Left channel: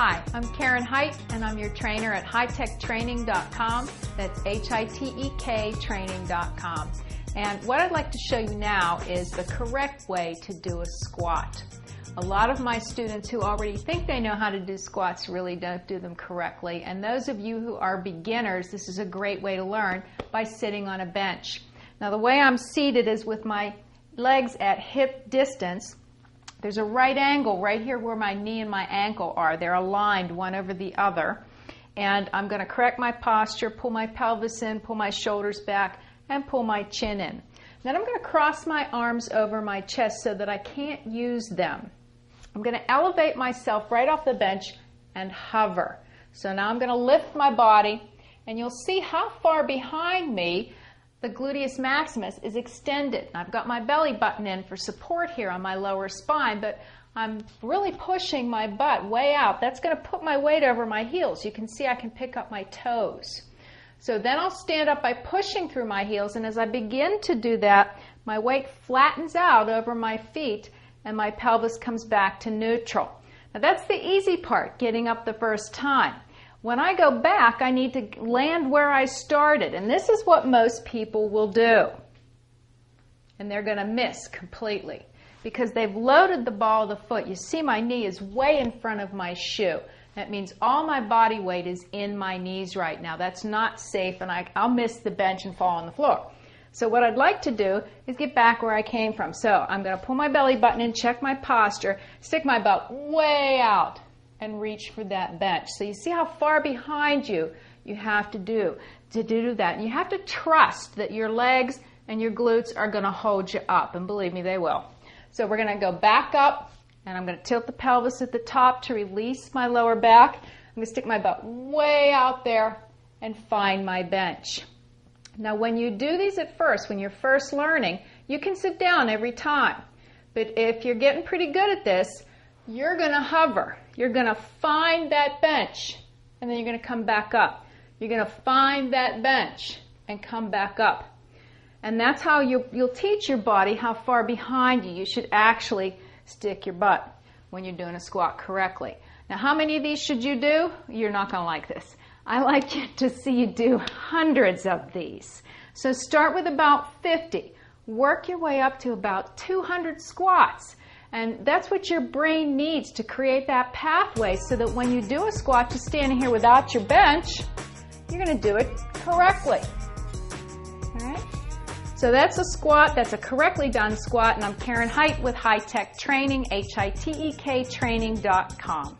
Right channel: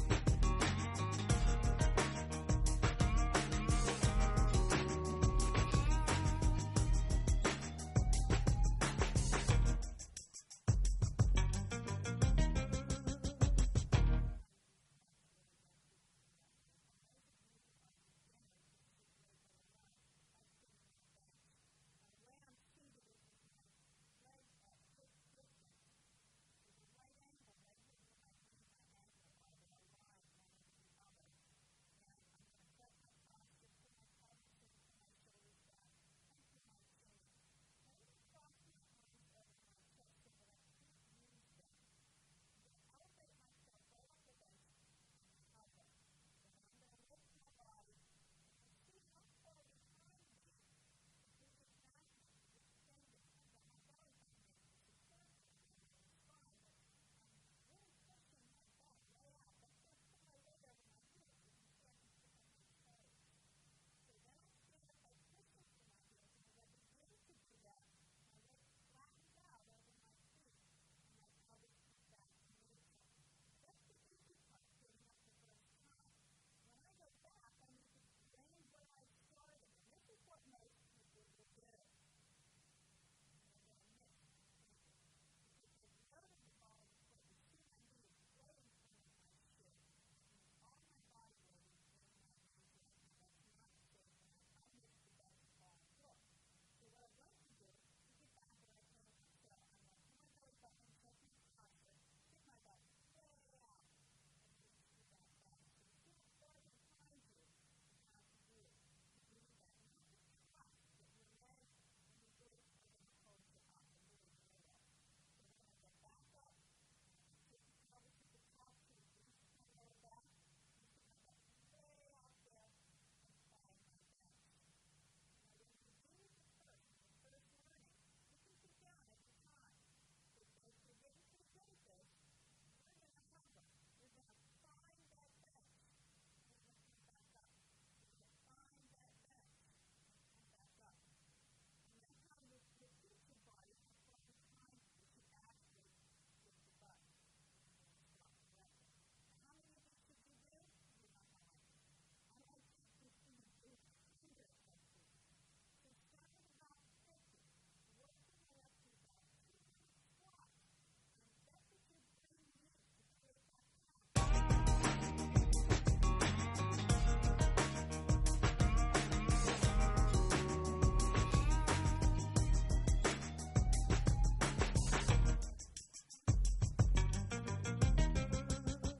Hi, I'm Karen Height, and I'm your trainer at hitechtraining.com. That's HITEK training.com. And what I'd like to show you now is the correct way to do a squat. A lot of my students who already think they know how to do squats really don't do them correctly. And those of you who are beginners, this is a great way to learn by sitting on a bench. Now the way I'm seated is with my legs at hip distance. There's a right angle right here where my knee and my ankle are. They're aligned one over the other. And I'm going to correct my posture, pull my pelvis in, pull my shoulders back, and pull my chin in. Then I'm going to cross my arms over my chest so that I can't use them. I'm going to elevate myself right off the bench and hover. So now I'm going to lift my body, and you'll see how far behind me the gluteus maximus is extended. I've got my belly button in for support here on my lower spine, but I'm really pushing my butt way out. That's going to put my weight over my heels. You can see I can pick up my toes. So then I'll stand up by pushing through my heels, and as I begin to do that, my weight flattens out over my feet and my pelvis comes back to neutral. Now that's the easy part, getting up the first time. When I go back, I need to land where I started, and this is what most people will do. And they're going to miss completely because they've loaded the ball of the foot. You see my knee is way in front of my shoe. That means all my body weight is in my knees right now. That's not safe, and I'll miss the bench and fall on the floor. So what I'd like to do is get back where I came from. So I'm going to pull my belly button in, check my posture, stick my butt way out, and reach for that bench. So you see how far behind you have to do that. And you have to trust that your legs and your glutes are going to hold you up, and believe me, they will. So we're going to go back up, and I'm going to tilt the pelvis at the top to release my lower back. I'm going to stick my butt way out there and find my bench. Now when you do these at first, when you're first learning, you can sit down every time. But if you're getting pretty good at this, you're going to hover. You're going to find that bench, and then you're going to come back up. You're going to find that bench and come back up. And that's how you'll teach your body how far behind you should actually stick your butt when you're doing a squat correctly. Now, how many of these should you do? You're not going to like this. I like to see you do hundreds of these. So start with about 50. Work your way up to about 200 squats. And that's what your brain needs to create that pathway so that when you do a squat, you're standing here without your bench, you're going to do it correctly. All right? So that's a squat. That's a correctly done squat. And I'm Karen Height with High Tech Training, HITEK training.com.